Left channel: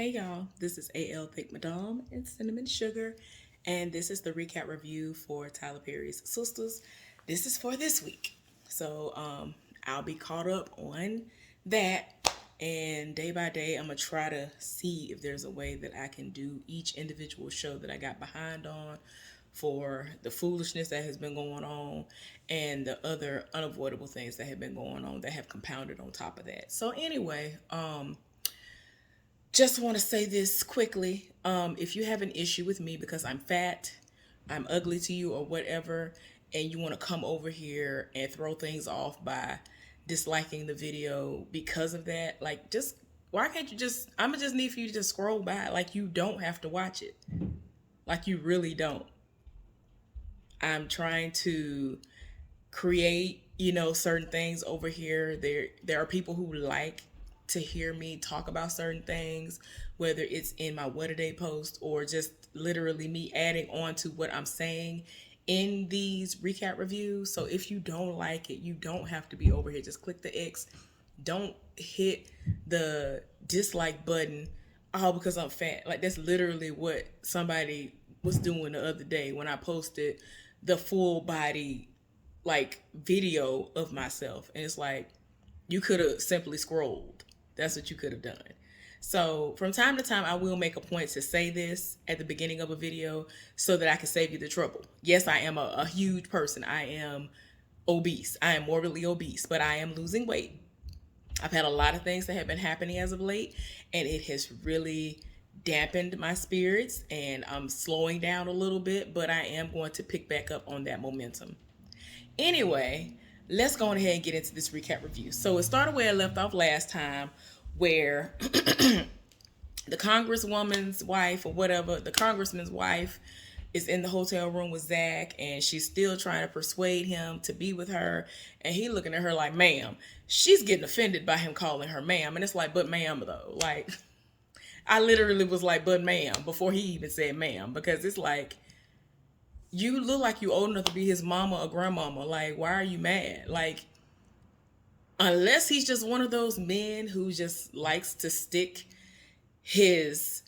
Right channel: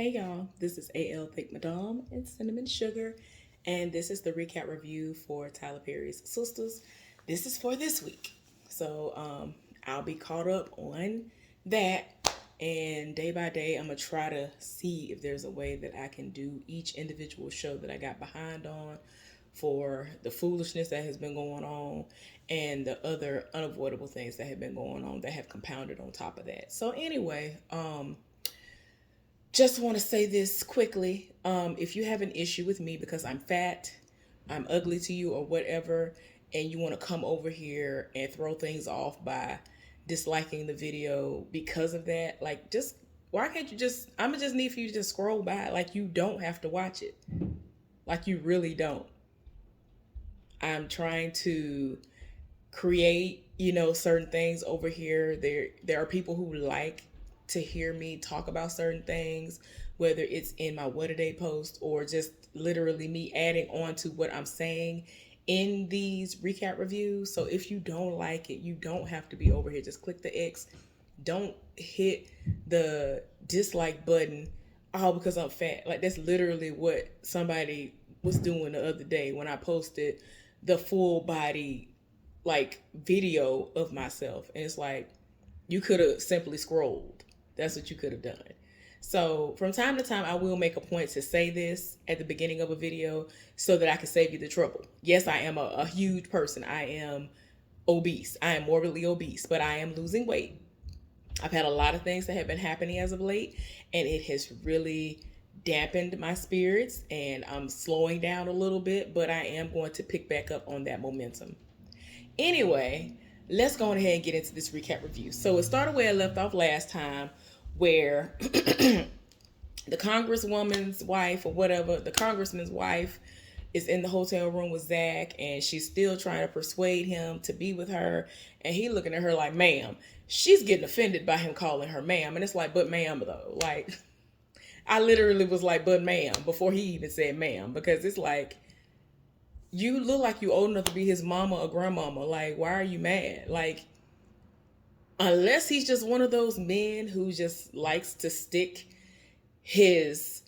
Hey y'all, this is AL Thick Madame and Cinnamon Sugar, and this is the recap review for Tyler Perry's Sistas. This is for this week. So I'll be caught up on that, and day by day, I'm gonna try to see if there's a way that I can do each individual show that I got behind on for the foolishness that has been going on and the other unavoidable things that have been going on that have compounded on top of that. So anyway, just want to say this quickly. If you have an issue with me because I'm fat, I'm ugly to you, or whatever, and you want to come over here and throw things off by disliking the video because of that, like, just why can't you just? I'm gonna just need for you to just scroll by. Like, you don't have to watch it. Like, you really don't. I'm trying to create, certain things over here. There are people who like to hear me talk about certain things, whether it's in my what a day post or just literally me adding on to what I'm saying in these recap reviews. So if you don't like it, you don't have to be over here. Just click the X. Don't hit the dislike button all because I'm fat. Like, that's literally what somebody was doing the other day when I posted the full body like video of myself, and it's like, you could have simply scrolled. That's what you could have done. So from time to time, I will make a point to say this at the beginning of a video so that I can save you the trouble. Yes, I am a huge person. I am obese. I am morbidly obese, but I am losing weight. I've had a lot of things that have been happening as of late, and it has really dampened my spirits, and I'm slowing down a little bit, but I am going to pick back up on that momentum. Anyway, let's go ahead and get into this recap review. So it started where I left off last time, where the congresswoman's wife, or whatever, the congressman's wife, is in the hotel room with Zach, and she's still trying to persuade him to be with her. And he looking at her like, ma'am. She's getting offended by him calling her ma'am. And it's like, but ma'am, though. Like, I literally was like, but ma'am, before he even said ma'am, because it's like, you look like you old enough to be his mama or grandmama. Like, why are you mad? Like, unless he's just one of those men who just likes to stick his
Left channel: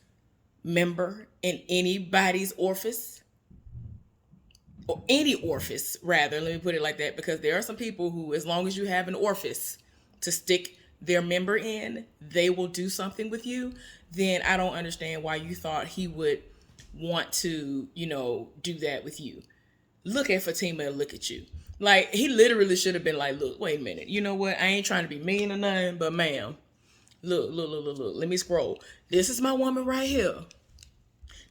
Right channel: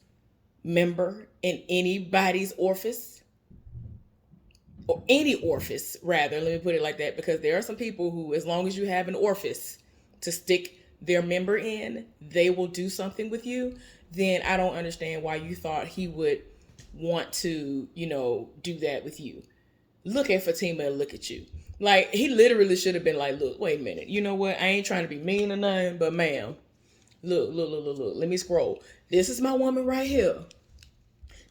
member in anybody's orifice, or any orifice, rather, let me put it like that, because there are some people who, as long as you have an orifice to stick their member in, they will do something with you. Then I don't understand why you thought he would want to, do that with you. Look at Fatima and look at you. Like, he literally should have been like, look, wait a minute. You know what? I ain't trying to be mean or nothing, but ma'am, look. Let me scroll. This is my woman right here.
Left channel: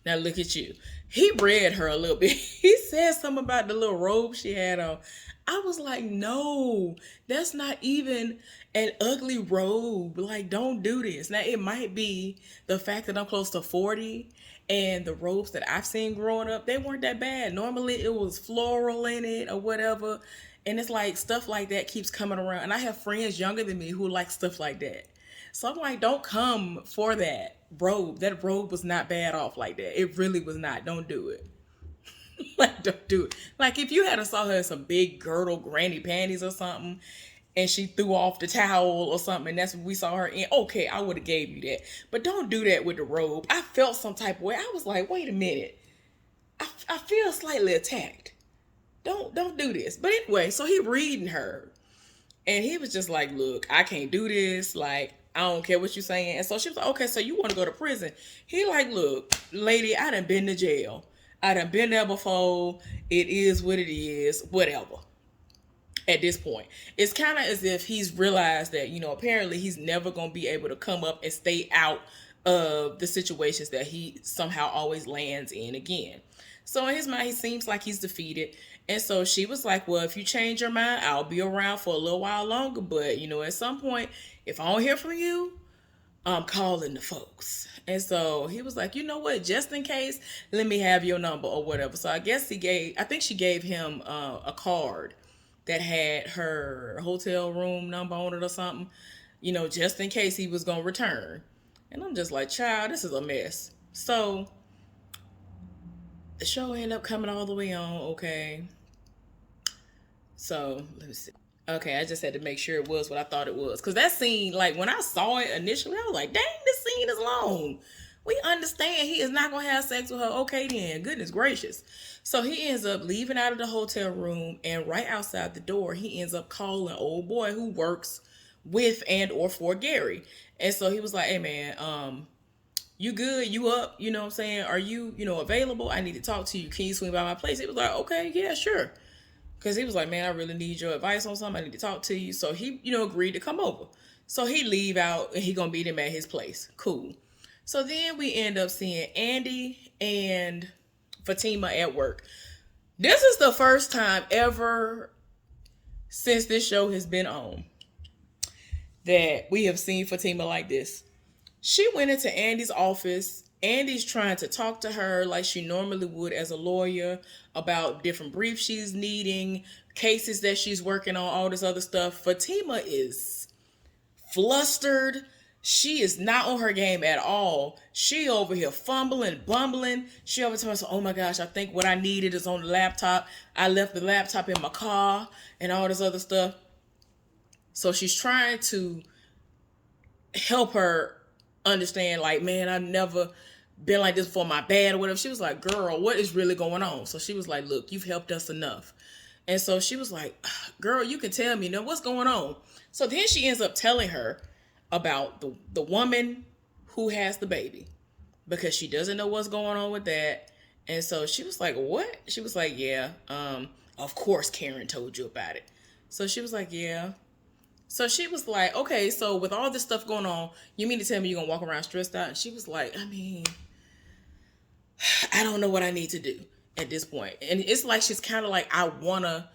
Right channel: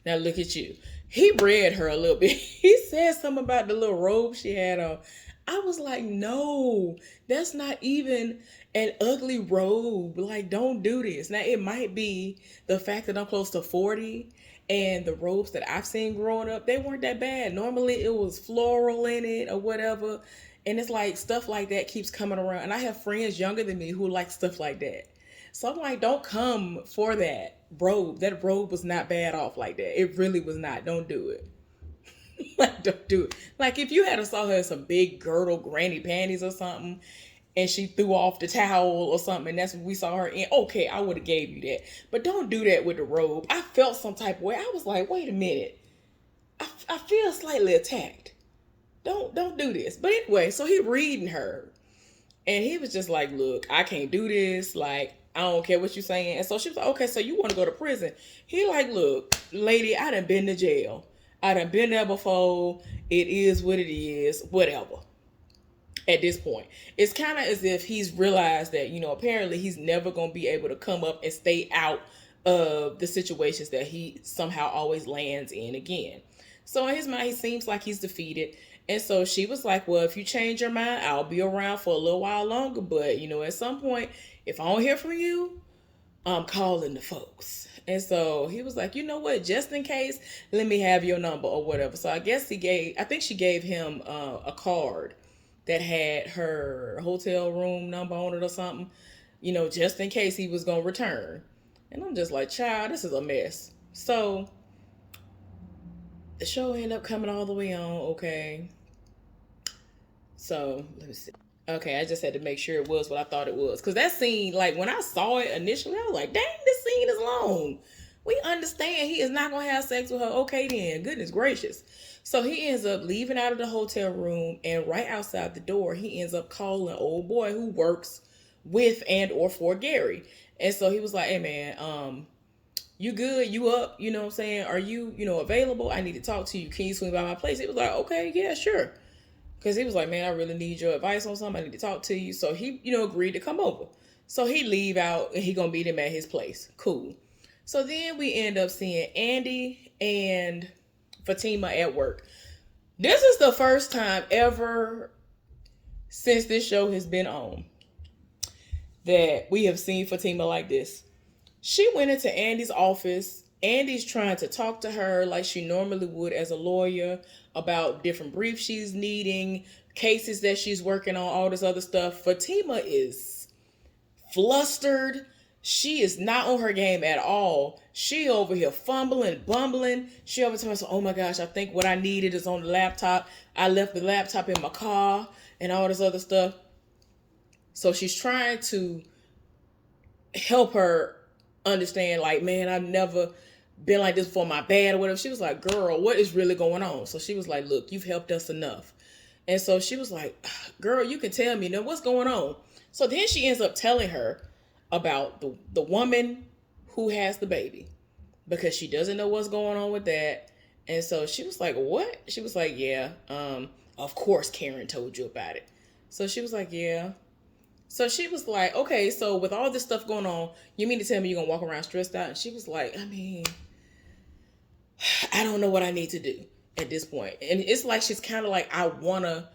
Now look at you. He read her a little bit. He said something about the little robe she had on. I was like, no, that's not even an ugly robe. Like, don't do this. Now, it might be the fact that I'm close to 40, and the robes that I've seen growing up, they weren't that bad. Normally, it was floral in it or whatever. And it's like, stuff like that keeps coming around. And I have friends younger than me who like stuff like that. So I'm like, don't come for that robe. That robe was not bad off like that. It really was not. Don't do it. Like, don't do it. Like, if you had a saw her in some big girdle granny panties or something, and she threw off the towel or something, and that's what we saw her in, okay, I would have gave you that. But don't do that with the robe. I felt some type of way. I was like, wait a minute. I feel slightly attacked. Don't do this. But anyway, so he reading her, and he was just like, look, I can't do this. Like, I don't care what you're saying. And so she was like, okay, so you want to go to prison. He like, look, lady, I done been to jail. I done been there before. It is what it is. Whatever. At this point, it's kind of as if he's realized that, apparently he's never going to be able to come up and stay out of the situations that he somehow always lands in again. So in his mind, he seems like he's defeated. And so she was like, well, if you change your mind, I'll be around for a little while longer. But, at some point, if I don't hear from you, I'm calling the folks. And so he was like, you know what, just in case, let me have your number or whatever. So I think she gave him a card that had her hotel room number on it or something, just in case he was going to return. And I'm just like, child, this is a mess. So the show ended up coming all the way on, okay. So let me see. Okay, I just had to make sure it was what I thought it was. Because that scene, like when I saw it initially, I was like, dang, this scene is long. We understand he is not going to have sex with her. Okay, then. Goodness gracious. So he ends up leaving out of the hotel room, and right outside the door, he ends up calling old boy who works with and or for Gary. And so he was like, hey, man, you good? You up? You know what I'm saying? Are you, available? I need to talk to you. Can you swing by my place? He was like, okay, yeah, sure. Because he was like, man, I really need your advice on something. I need to talk to you. So he, agreed to come over. So he leave out and he gonna meet him at his place. Cool. So then we end up seeing Andy and Fatima at work. This is the first time ever since this show has been on that we have seen Fatima like this. She went into Andy's office. Andy's trying to talk to her like she normally would as a lawyer about different briefs she's needing, cases that she's working on, all this other stuff. Fatima is flustered. She is not on her game at all. She over here fumbling, bumbling. She over here saying, oh my gosh, I think what I needed is on the laptop. I left the laptop in my car and all this other stuff. So she's trying to help her understand, like, man, I've never been like this before, my bad or whatever. She was like, girl, what is really going on? So she was like, look, you've helped us enough. And so she was like, girl, you can tell me now what's going on. So then she ends up telling her about the woman who has the baby, because she doesn't know what's going on with that. And so she was like, what? She was like, yeah, of course Karen told you about it. So she was like, yeah. So she was like, okay, so with all this stuff going on, you mean to tell me you're going to walk around stressed out? And she was like, I mean, I don't know what I need to do at this point. And it's like she's kind of like, I want to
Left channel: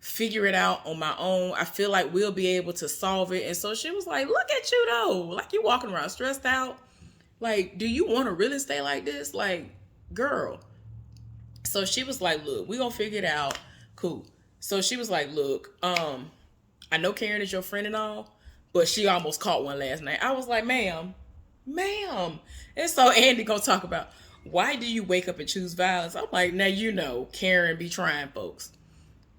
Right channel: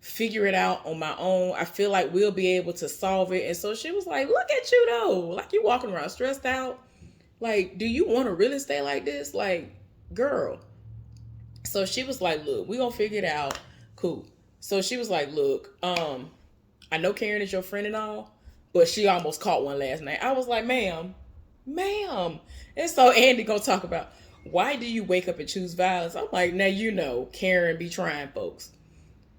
figure it out on my own. I feel like we'll be able to solve it. And so she was like, look at you though. Like, you walking around stressed out. Like, do you want to really stay like this? Like, girl. So she was like, look, we going to figure it out. Cool. So she was like, look, I know Karen is your friend and all, but she almost caught one last night. I was like, ma'am. And so Andy gonna talk about, why do you wake up and choose violence? I'm like, now Karen be trying folks.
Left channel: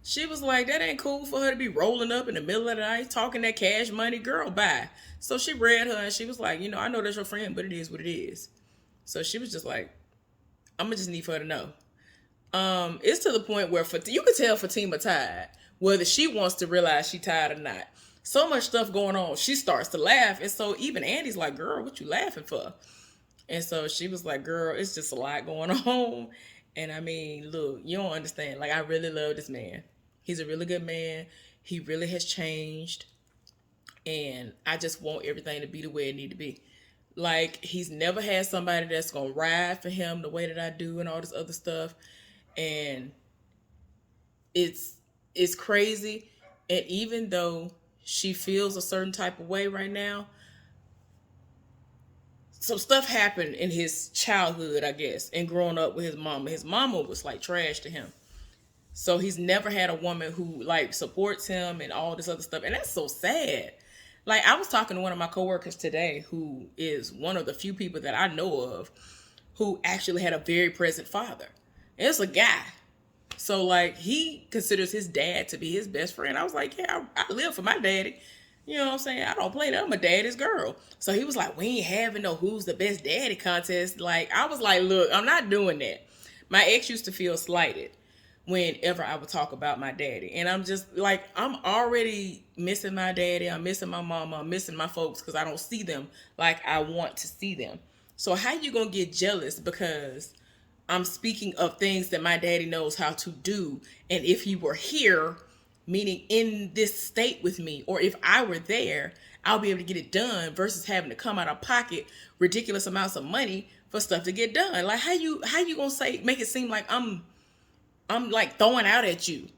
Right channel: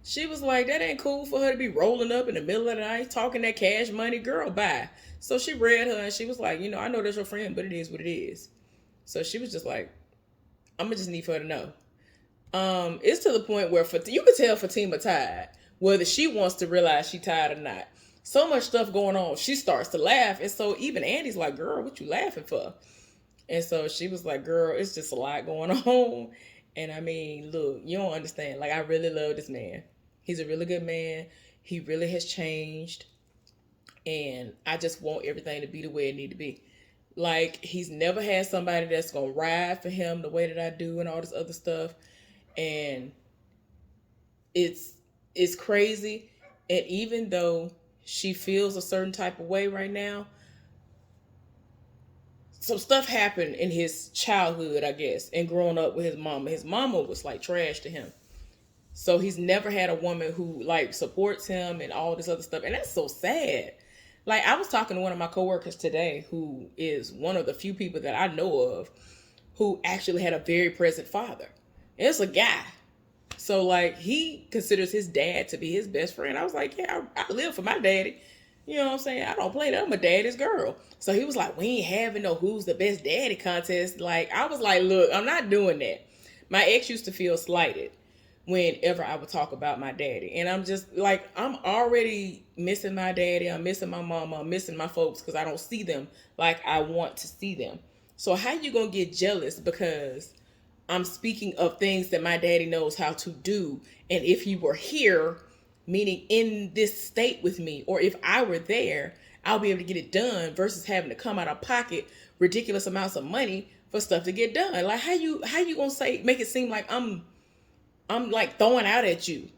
She was like, that ain't cool for her to be rolling up in the middle of the night, talking that cash money. Girl, bye. So she read her and she was like, I know that's your friend, but it is what it is. So she was just like, I'm gonna just need for her to know. It's to the point where you could tell Fatima tired, whether she wants to realize she tired or not. So much stuff going on. She starts to laugh. And so even Andy's like, girl, what you laughing for? And so she was like, girl, it's just a lot going on. And I mean, look, you don't understand. Like, I really love this man. He's a really good man. He really has changed. And I just want everything to be the way it need to be. Like, he's never had somebody that's going to ride for him the way that I do and all this other stuff. And it's crazy. And even though she feels a certain type of way right now, some stuff happened in his childhood, I guess, and growing up with his mama. His mama was like trash to him. So he's never had a woman who like supports him and all this other stuff. And that's so sad. Like, I was talking to one of my coworkers today who is one of the few people that I know of who actually had a very present father. And it's a guy. So, like, he considers his dad to be his best friend. I was like, yeah, I live for my daddy. You know what I'm saying? I don't play that. I'm a daddy's girl. So he was like, we ain't having no who's the best daddy contest. Like, I was like, look, I'm not doing that. My ex used to feel slighted whenever I would talk about my daddy. And I'm just like, I'm already missing my daddy. I'm missing my mama. I'm missing my folks because I don't see them like I want to see them. So how you going to get jealous because I'm speaking of things that my daddy knows how to do? And if he were here, meaning in this state with me, or if I were there, I'll be able to get it done versus having to come out of pocket ridiculous amounts of money for stuff to get done. Like, how you going to make it seem like I'm like throwing out at you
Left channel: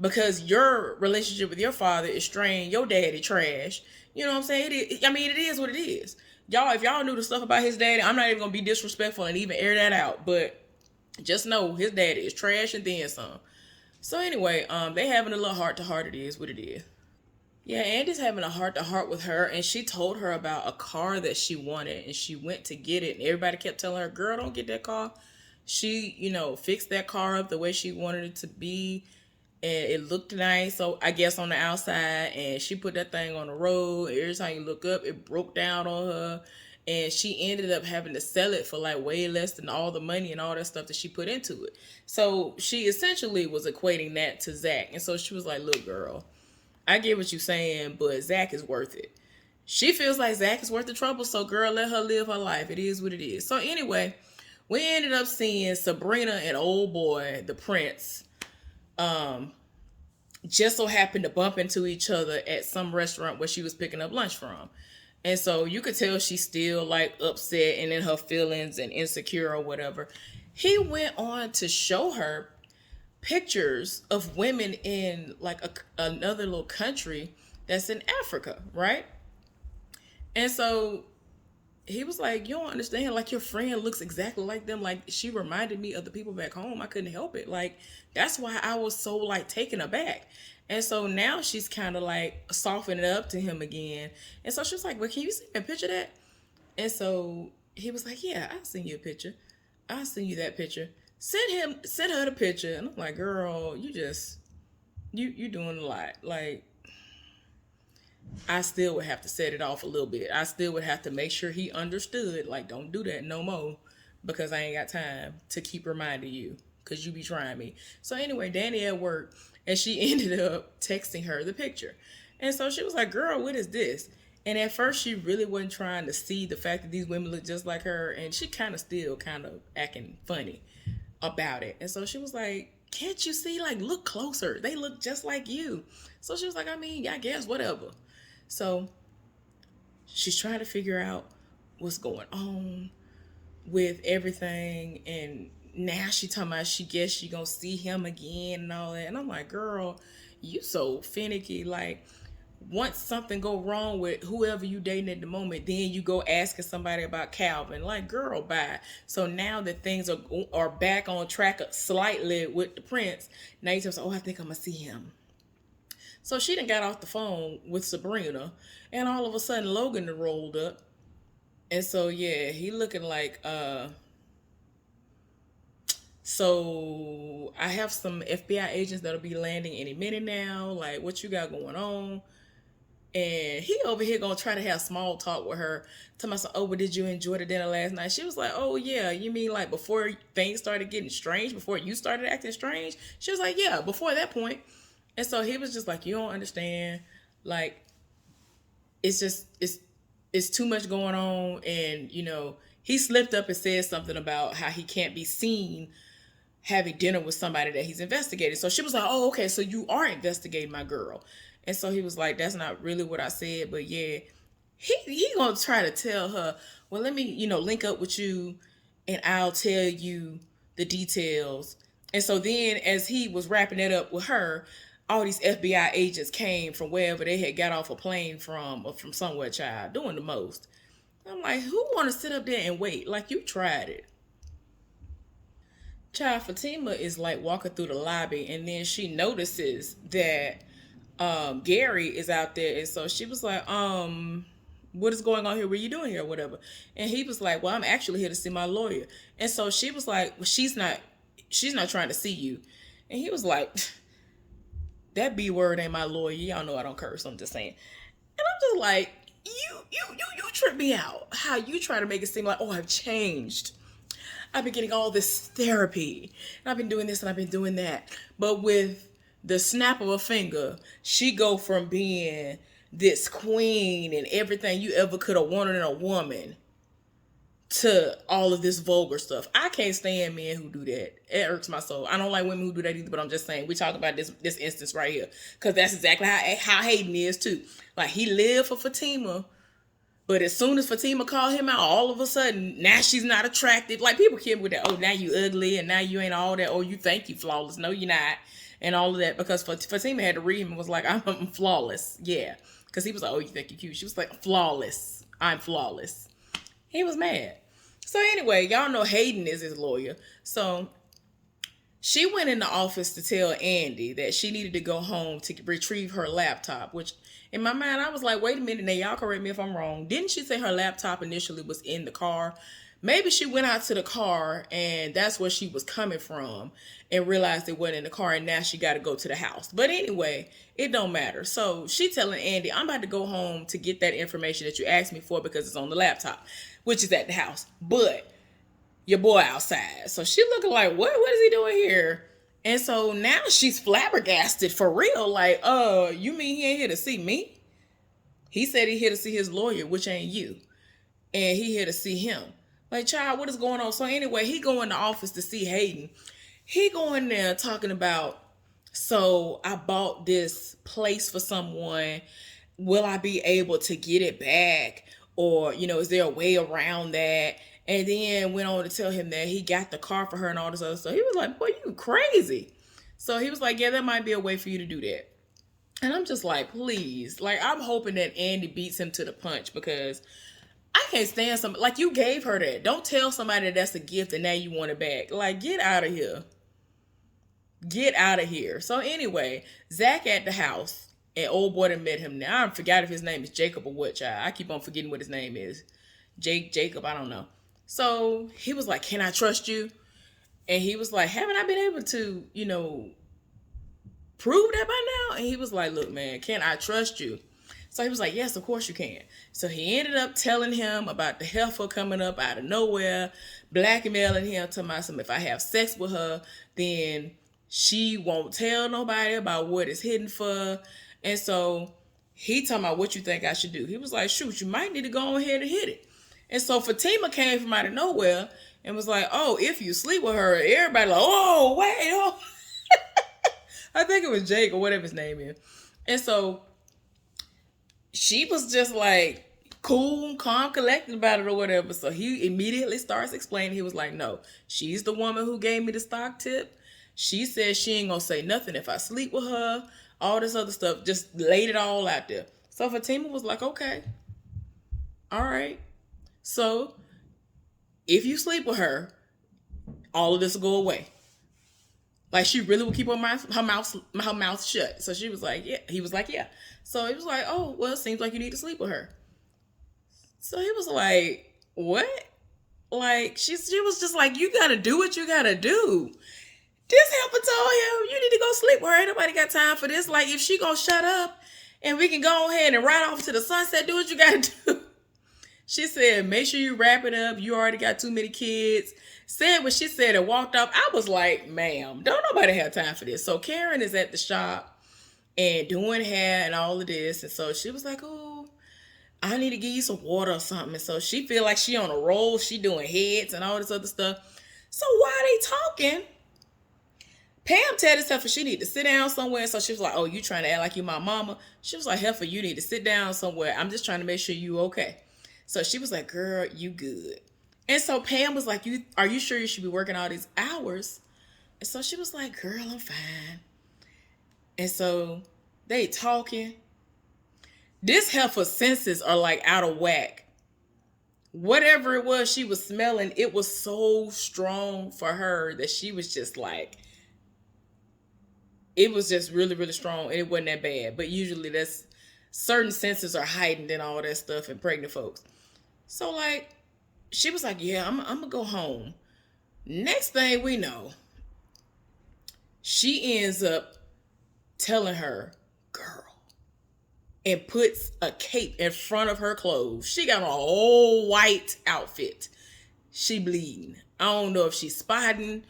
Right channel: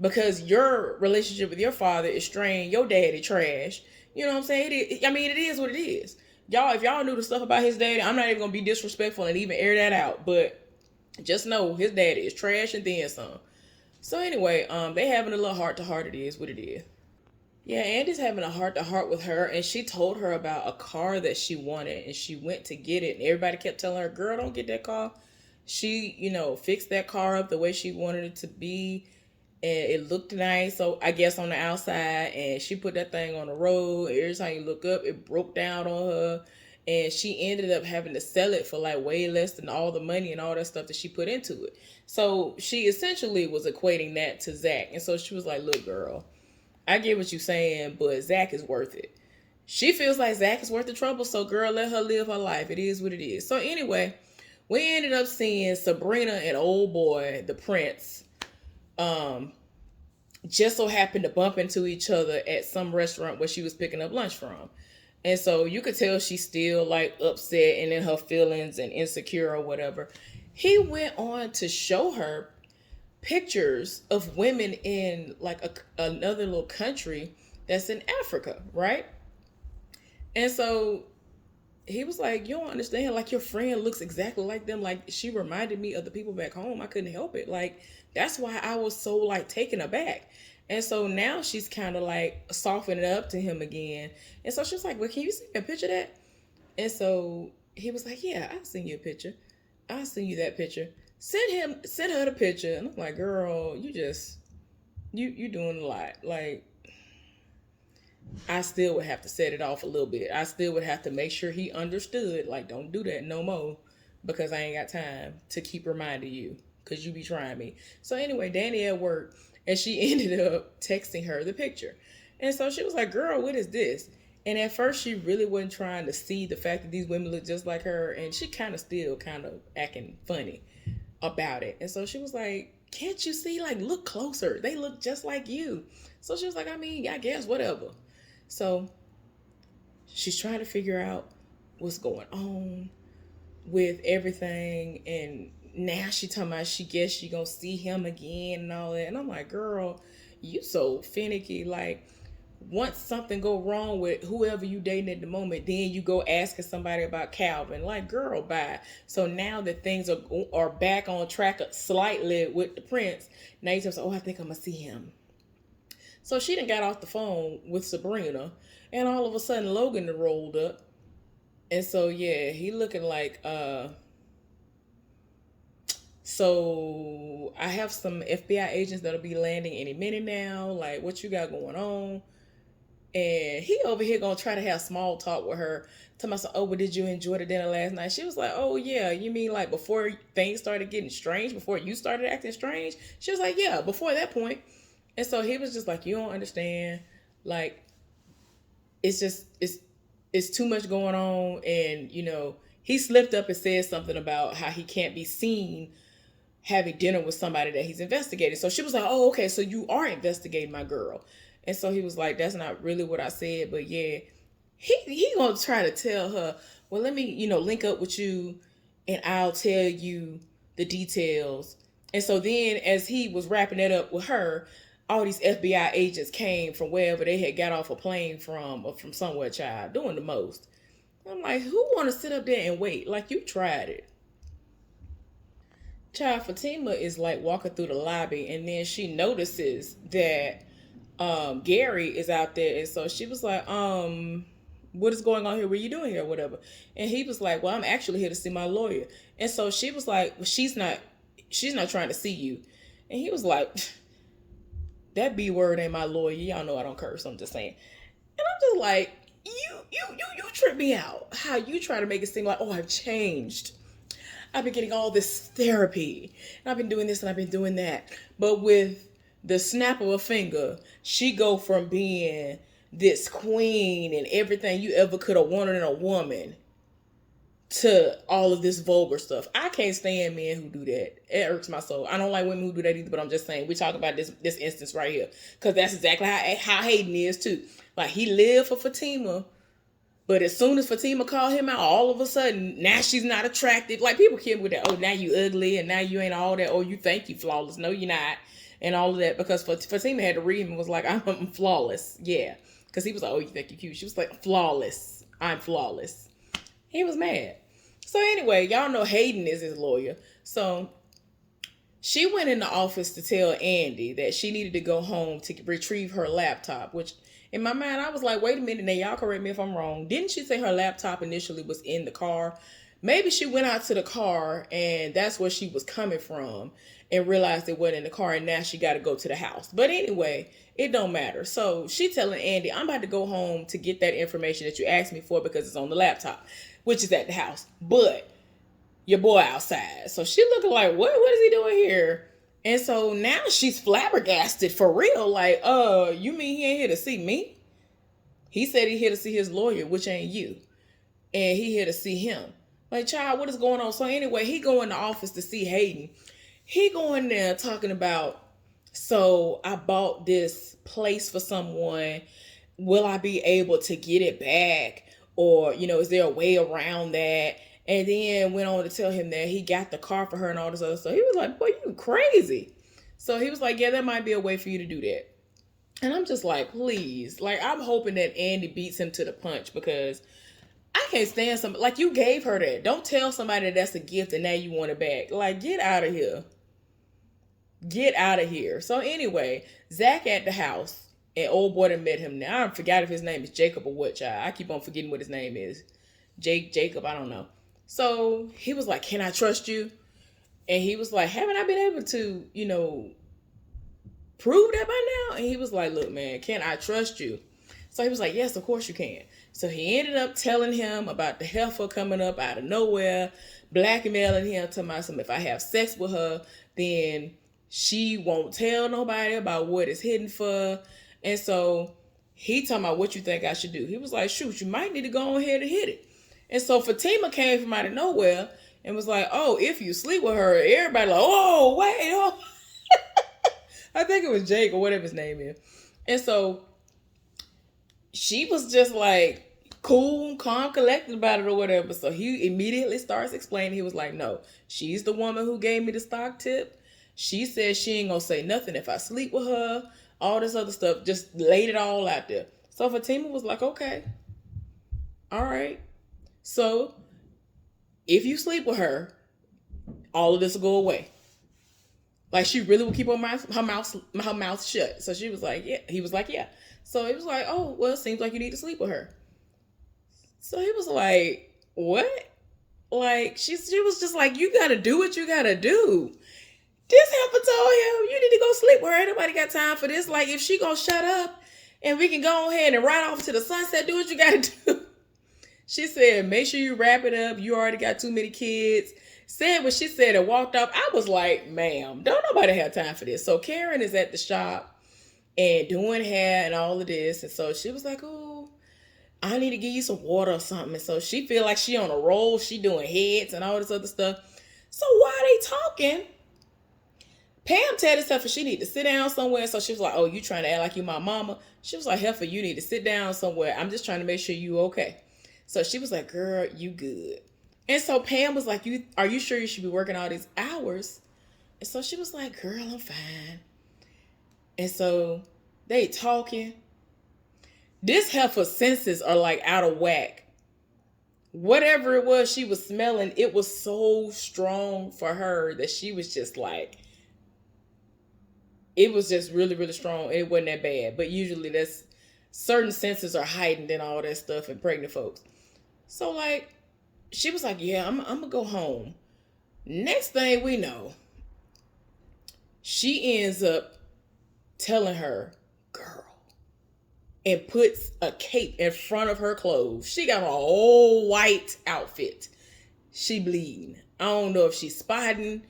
because your relationship with your father is strained, your daddy trash. You know what I'm saying? It is what it is. Y'all, if y'all knew the stuff about his daddy, I'm not even going to be disrespectful and even air that out. But just know his daddy is trash and then some. So anyway, they having a little heart-to-heart. It is what it is. Yeah, Andy's having a heart-to-heart with her, and she told her about a car that she wanted, and she went to get it, and everybody kept telling her, girl, don't get that car. She, fixed that car up the way she wanted it to be, and it looked nice. So I guess on the outside, and she put that thing on the road. Every time you look up, it broke down on her, and she ended up having to sell it for like way less than all the money and all that stuff that she put into it. So she essentially was equating that to Zach, and so she was like, "Look, girl, I get what you're saying, but Zach is worth it." She feels like Zach is worth the trouble, so girl, let her live her life. It is what it is. So anyway, we ended up seeing Sabrina and old boy, the prince, um, just so happened to bump into each other at some restaurant where she was picking up lunch from. And so you could tell she's still like upset and in her feelings and insecure or whatever. He went on to show her pictures of women in like another little country that's in Africa, right? And so he was like, "You don't understand. Like, your friend looks exactly like them. Like, she reminded me of the people back home. I couldn't help it. Like, that's why I was so like taken aback." And so now she's kind of like softening up to him again. And so she's like, "Well, can you see me a picture of that?" And so he was like, "Yeah, I'll send you a picture. I'll send you that picture. Send her the picture." And I'm like, "Girl, you doing a lot. Like, I still would have to set it off a little bit. I still would have to make sure he understood, like, don't do that no more because I ain't got time to keep reminding you because you be trying me." So anyway, Danny at work, and she ended up texting her the picture. And so she was like, "Girl, what is this?" And at first she really wasn't trying to see the fact that these women look just like her, and she kind of still kind of acting funny about it. And so she was like, "Can't you see? Like, look closer. They look just like you." So she was like, "I mean, I guess whatever." So she's trying to figure out what's going on with everything, and now she talking about she guess she gonna see him again and all that. And I'm like, "Girl, you so finicky. Like, once something go wrong with whoever you dating at the moment, then you go asking somebody about Calvin. Like, girl, bye." So now that things are back on track slightly with the prince, now you just, "Oh, I think I'm gonna see him." So she done got off the phone with Sabrina, and all of a sudden Logan rolled up. And so yeah, he looking like so I have some FBI agents that'll be landing any minute now. Like, what you got going on? And he over here gonna try to have small talk with her. Tell me, "Oh, but did you enjoy the dinner last night?" She was like, "Oh yeah, you mean like before things started getting strange, before you started acting strange?" She was like, "Yeah, before that point." And so he was just like, "You don't understand. Like, it's just it's too much going on." And he slipped up and said something about how he can't be seen having dinner with somebody that he's investigating. So she was like, "Oh, okay, so you are investigating my girl." And so he was like, "That's not really what I said, but yeah." He gonna try to tell her, "Well, let me link up with you, and I'll tell you the details." And so then, as he was wrapping it up with her, all these FBI agents came from wherever they had got off a plane from, or from somewhere, child, doing the most. I'm like, who want to sit up there and wait? Like, you tried it. Child, Fatima is like walking through the lobby, and then she notices that Gary is out there. And so she was like, "What is going on here? What are you doing here?" Or whatever. And he was like, "Well, I'm actually here to see my lawyer." And so she was like, "Well, she's not trying to see you." And he was like, "That B word ain't my lawyer. Y'all know I don't curse. I'm just saying." And I'm just like, you trip me out. How you try to make it seem like, "Oh, I've changed. I've been getting all this therapy, and I've been doing this and I've been doing that." But with the snap of a finger, she go from being this queen and everything you ever could have wanted in a woman to all of this vulgar stuff. I can't stand men who do that. It irks my soul. I don't like women who do that either, but I'm just saying, we talk about this instance right here. Because that's exactly how Hayden is too. Like, he lived for Fatima, but as soon as Fatima called him out, all of a sudden, now she's not attractive. Like, people kill me with that. "Oh, now you ugly, and now you ain't all that. Oh, you think you flawless. No, you're not." And all of that. Because Fatima had to read him and was like, "I'm flawless." Yeah. Because he was like, "Oh, you think you're cute." She was like, "Flawless. I'm flawless." He was mad. So anyway, y'all know Hayden is his lawyer. So she went in the office to tell Andy that she needed to go home to retrieve her laptop, which in my mind, I was like, wait a minute, now y'all correct me if I'm wrong. Didn't she say her laptop initially was in the car? Maybe she went out to the car and that's where she was coming from and realized it wasn't in the car and now she got to go to the house. But anyway, it don't matter. So she telling Andy, I'm about to go home to get that information that you asked me for because it's on the laptop, which is at the house. But your boy outside. So she looking like, what is he doing here? And so now she's flabbergasted for real. Like, you mean he ain't here to see me? He said he here to see his lawyer, which ain't you. And he here to see him. Like, child, what is going on? So anyway, he go in the office to see Hayden. He go in there talking about, so I bought this place for someone. Will I be able to get it back? Or, is there a way around that? And then went on to tell him that he got the car for her and all this other stuff. He was like, boy, you crazy. So he was like, yeah, there might be a way for you to do that. And I'm just like, please. Like, I'm hoping that Andy beats him to the punch because I can't stand somebody. Like, you gave her that. Don't tell somebody that that's a gift and now you want it back. Like, get out of here. Get out of here. So anyway, Zach at the house. And old boy that met him now. I forgot if his name is Jacob or what, child. I keep on forgetting what his name is. Jacob, I don't know. So he was like, can I trust you? And he was like, haven't I been able to, prove that by now? And he was like, look, man, can I trust you? So he was like, yes, of course you can. So he ended up telling him about the heifer coming up out of nowhere, blackmailing him, telling him if I have sex with her, then she won't tell nobody about what it's hidden for. And so he talking about what you think I should do. He was like, shoot, you might need to go ahead and hit it. And so Fatima came from out of nowhere and was like, oh, if you sleep with her, everybody like, oh, wait, oh. I think it was Jake or whatever his name is. And so she was just like cool, calm, collected about it or whatever. So he immediately starts explaining. He was like, no, she's the woman who gave me the stock tip. She said she ain't gonna say nothing if I sleep with her. All this other stuff, just laid it all out there. So Fatima was like, okay, all right. So if you sleep with her, all of this will go away. Like, she really would keep her mouth shut. So she was like, yeah. He was like, yeah. So it was like, oh, well, it seems like you need to sleep with her. So he was like, what? Like, she was just like, you got to do what you got to do. This helper told him, you need to go sleep with her. Ain't nobody got time for this. Like, if she gonna shut up and we can go ahead and ride off to the sunset, do what you got to do. She said, make sure you wrap it up. You already got too many kids. Said what she said and walked off. I was like, ma'am, don't nobody have time for this. So Karen is at the shop and doing hair and all of this. And so she was like, oh, I need to give you some water or something. And so she feel like she on a roll. She doing heads and all this other stuff. So while they talking, Pam told herself she need to sit down somewhere. So she was like, oh, you trying to act like you my mama? She was like, Heifer, you need to sit down somewhere. I'm just trying to make sure you okay. So she was like, girl, you good. And so Pam was like, are you sure you should be working all these hours? And so she was like, girl, I'm fine. And so they talking. This heifer's senses are like out of whack. Whatever it was she was smelling, it was so strong for her that she was just like, it was just really, really strong. It wasn't that bad. But usually that's certain senses are heightened and all that stuff in pregnant folks. So like, she was like, yeah, I'm going to go home. Next thing we know, she ends up telling her, girl, and puts a cape in front of her clothes. She got a whole white outfit. She bleeding. I don't know if she's spotting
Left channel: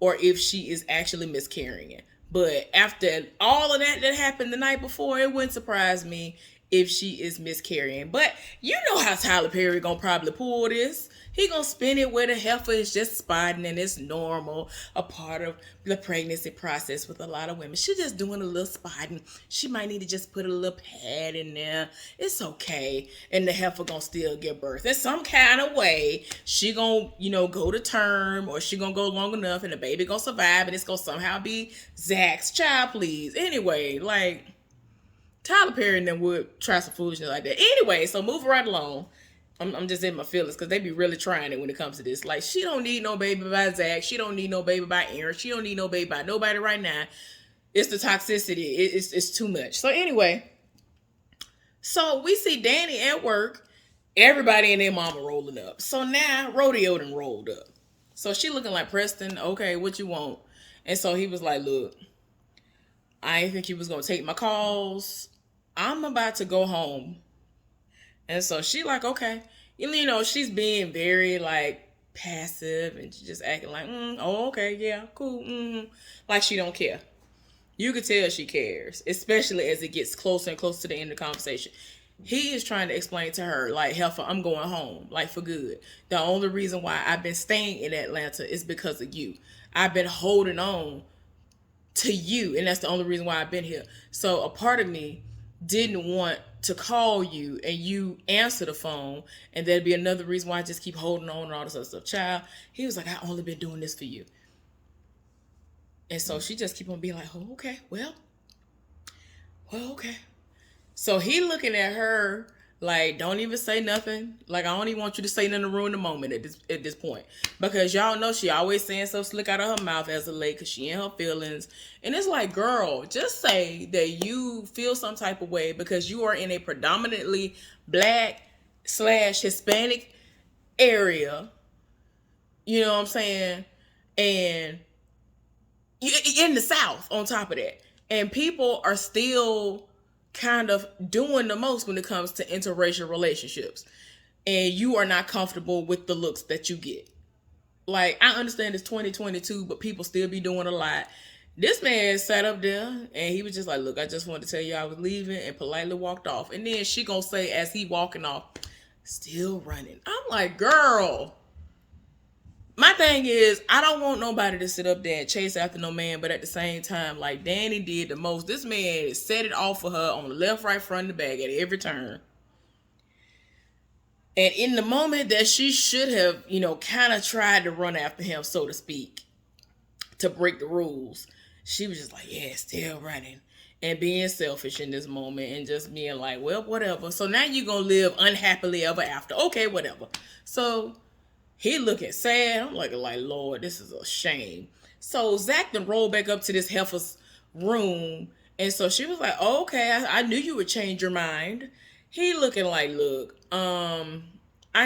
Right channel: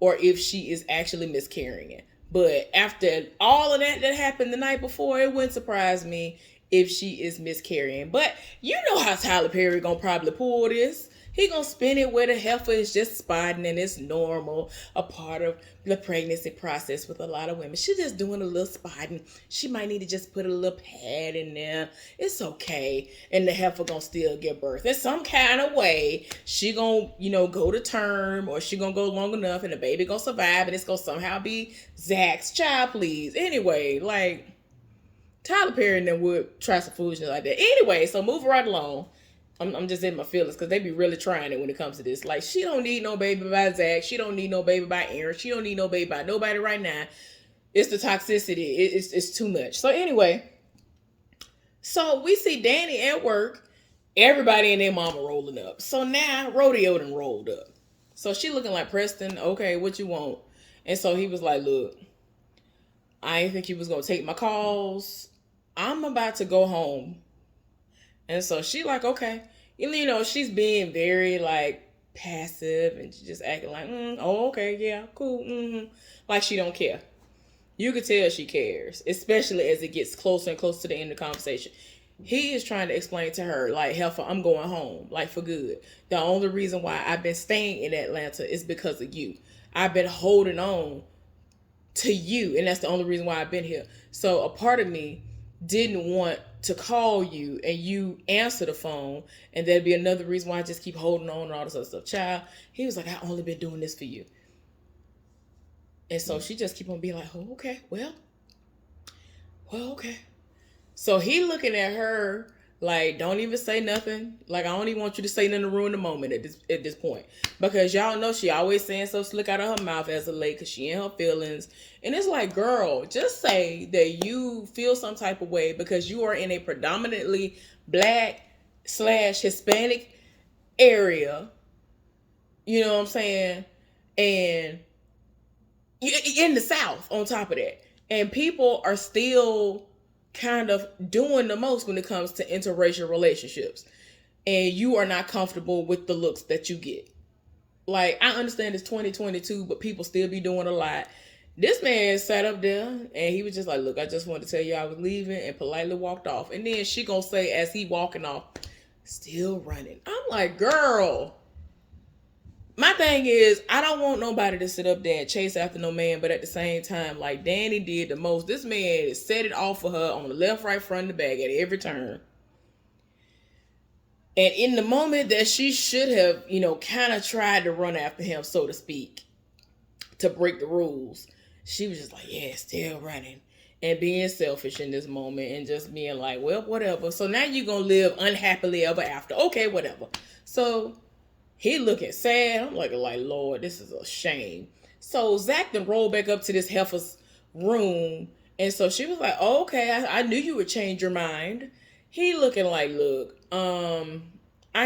or if she is actually miscarrying. But after all of that happened the night before, it wouldn't surprise me if she is miscarrying. But you know how Tyler Perry gonna probably pull this. He gonna spin it where the heifer is just spotting and it's normal, a part of the pregnancy process with a lot of women. She just doing a little spotting. She might need to just put a little pad in there. It's okay. And the heifer gonna still give birth. In some kind of way, she gonna, go to term, or she gonna go long enough and the baby gonna survive and it's gonna somehow be Zach's child, please. Anyway, like, Tyler Perry and them would try some foolishness like that. Anyway, so moving right along. I'm just in my feelings because they be really trying it when it comes to this. Like, she don't need no baby by Zach. She don't need no baby by Aaron. She don't need no baby by nobody right now. It's the toxicity. It's too much. So anyway, so we see Danny at work Everybody and their mama rolling up. So now Rodeo done rolled up. So she looking like, Preston, okay, what you want? And so he was like, look, I didn't think you was gonna take my calls. I'm about to go home. And so she like, okay. You know, she's being very like passive and just acting like, oh, okay, yeah, cool. Like she don't care. You could tell she cares, especially as it gets closer and closer to the end of the conversation. He is trying to explain to her, like, Heifer, I'm going home, like, for good. The only reason why I've been staying in Atlanta is because of you. I've been holding on to you, and that's the only reason why I've been here. So a part of me didn't want to call you and you answer the phone, and there'd be another reason why I just keep holding on and all this other stuff. Child, he was like, I only been doing this for you. And so she just keep on being like, oh, okay, well, okay. So he looking at her like, don't even say nothing. Like, I don't even want you to say nothing to ruin the moment at this point. Because y'all know she always saying so slick out of her mouth as a lady because she in her feelings. And it's like, girl, just say that you feel some type of way because you are in a predominantly Black/Hispanic area. You know what I'm saying? And in the South on top of that. And people are still kind of doing the most when it comes to interracial relationships. And you are not comfortable with the looks that you get. Like, I understand it's 2022, but people still be doing a lot. This man sat up there and he was just like, look, I just wanted to tell you I was leaving, and politely walked off. And then she gonna say, as he walking off, still running. I'm like, girl. My thing is, I don't want nobody to sit up there and chase after no man, but at the same time, like Danny did the most. This man set it off for her on the left, right, front, and the back at every turn. And in the moment that she should have, kind of tried to run after him, so to speak, to break the rules, she was just like, yeah, still running. And being selfish in this moment and just being like, well, whatever. So now you're going to live unhappily ever after. Okay, whatever. So he looking sad. I'm like, Lord, this is a shame. So Zach then rolled back up to this heifer's room. And so she was like, oh, okay, I knew you would change your mind. He looking like, look, I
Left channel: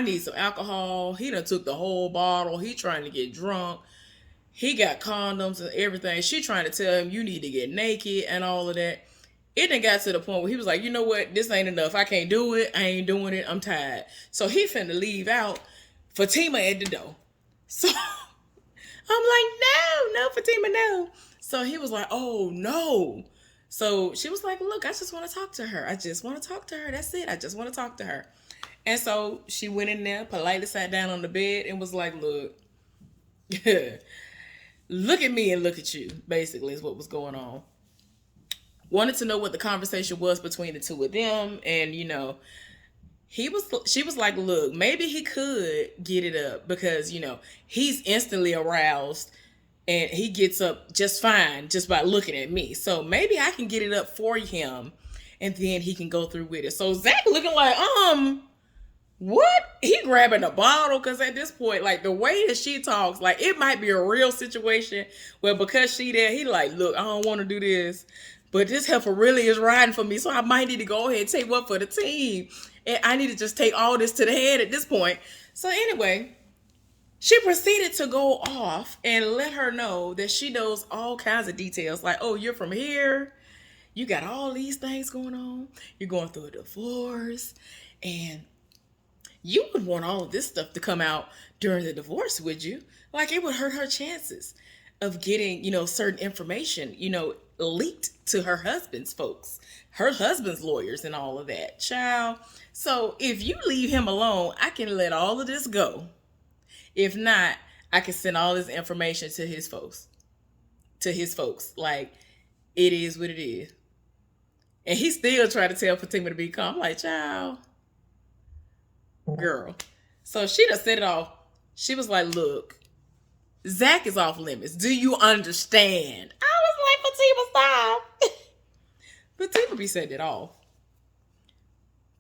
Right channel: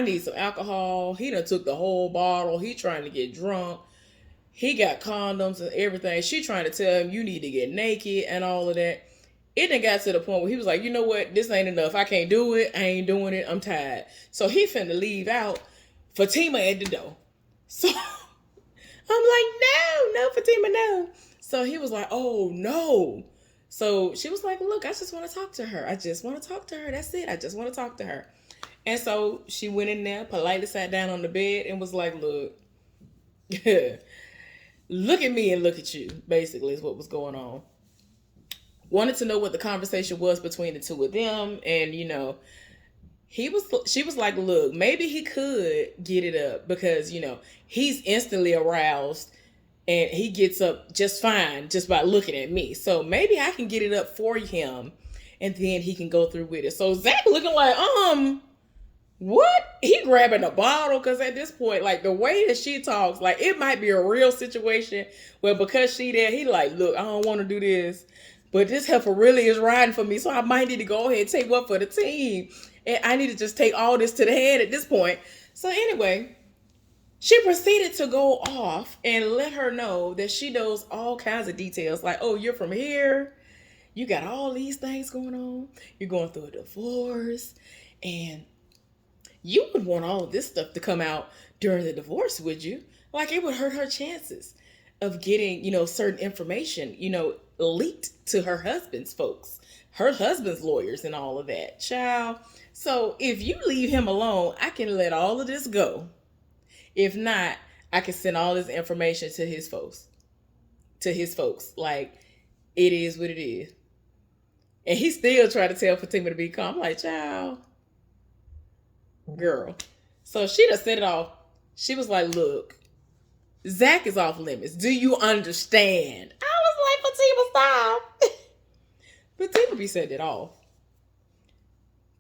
need some alcohol. He done took the whole bottle. He trying to get drunk. He got condoms and everything. She trying to tell him you need to get naked and all of that. It done got to the point where he was like, you know what? This ain't enough. I can't do it. I ain't doing it. I'm tired. So he finna leave out. Fatima at the door. So I'm like, no, Fatima, no. So he was like, oh, no. So she was like, look, I just want to talk to her. I just want to talk to her. That's it. I just want to talk to her. And so she went in there, politely sat down on the bed and was like, look, look at me and look at you, basically, is what was going on. Wanted to know what the conversation was between the two of them. And, she was like, look, maybe he could get it up because, he's instantly aroused and he gets up just fine just by looking at me. So maybe I can get it up for him and then he can go through with it. So Zach looking like, what? He grabbing a bottle because at this point, like the way that she talks, like it might be a real situation where because she there, he like, look, I don't want to do this, but this heifer really is riding for me. So I might need to go ahead and take one for the team. And I need to just take all this to the head at this point. So anyway, she proceeded to go off and let her know that she knows all kinds of details. Like, oh, you're from here. You got all these things going on. You're going through a divorce. And you would want all of this stuff to come out during the divorce, would you? Like, it would hurt her chances of getting, certain information, leaked to her husband's folks, her husband's lawyers and all of that. Child. So if you leave him alone, I can let all of this go. If not, I can send all this information to his folks. Like, it is what it is. And he still tried to tell Fatima to be calm. I'm like, child, girl. So she done set it off. She was like, look, Zach is off limits. Do you understand? I was like, Fatima, stop. Fatima be setting it off.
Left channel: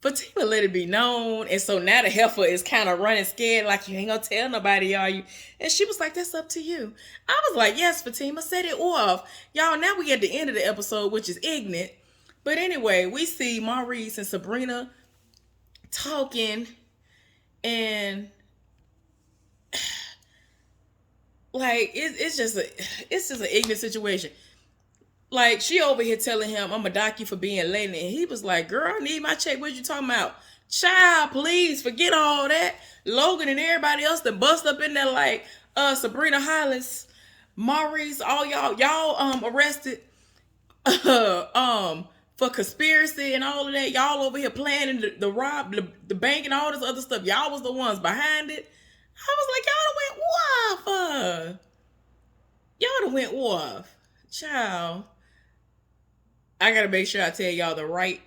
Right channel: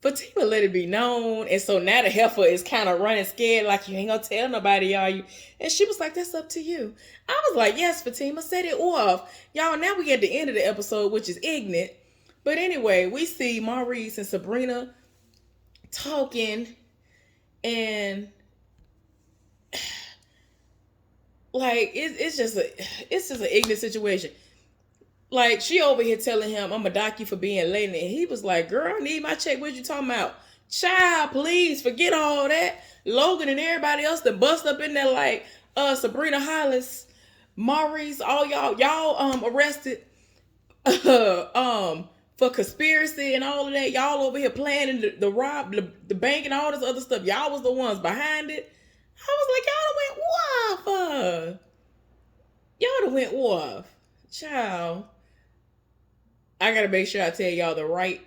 Fatima let it be known. And so now the heifer is kind of running scared, like, you ain't gonna tell nobody, are you? And she was like, that's up to you. I was like, yes, Fatima, set it off. Y'all, now we get the end of the episode, which is ignorant. But anyway, we see Maurice and Sabrina talking. And like it's just an ignorant situation. Like she over here telling him, "I'm gonna dock you for being late," and he was like, "Girl, I need my check. What you talking about? Child, please forget all that." Logan and everybody else that bust up in there like Sabrina Hollis, Maurice, all y'all arrested for conspiracy and all of that. Y'all over here planning the rob the bank and all this other stuff. Y'all was the ones behind it. I was like, y'all done went off. Y'all done went off. Child. I gotta make sure I tell y'all the right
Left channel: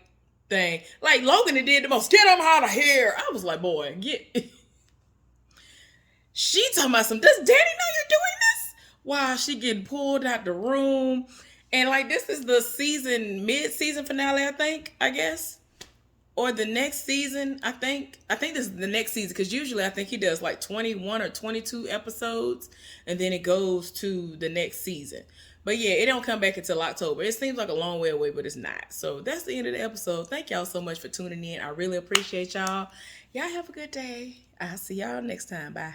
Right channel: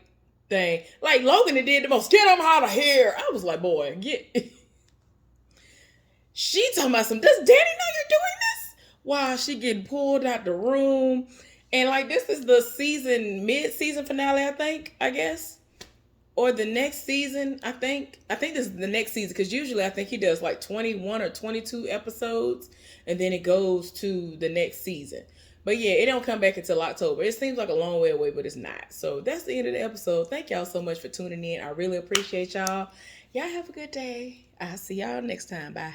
thing. Like Logan did the most. Get them out of here. I was like, boy, get. She talking about some. Does Danny know you're doing this? Wow, she getting pulled out the room, and like this is the mid-season finale. I guess, or the next season. I think this is the next season because usually I think he does like 21 or 22 episodes, and then it goes to the next season. But yeah, it don't come back until October. It seems like a long way away, but it's not. So that's the end of the episode. Thank y'all so much for tuning in. I really appreciate y'all. Y'all have a good day. I'll see y'all next time. Bye.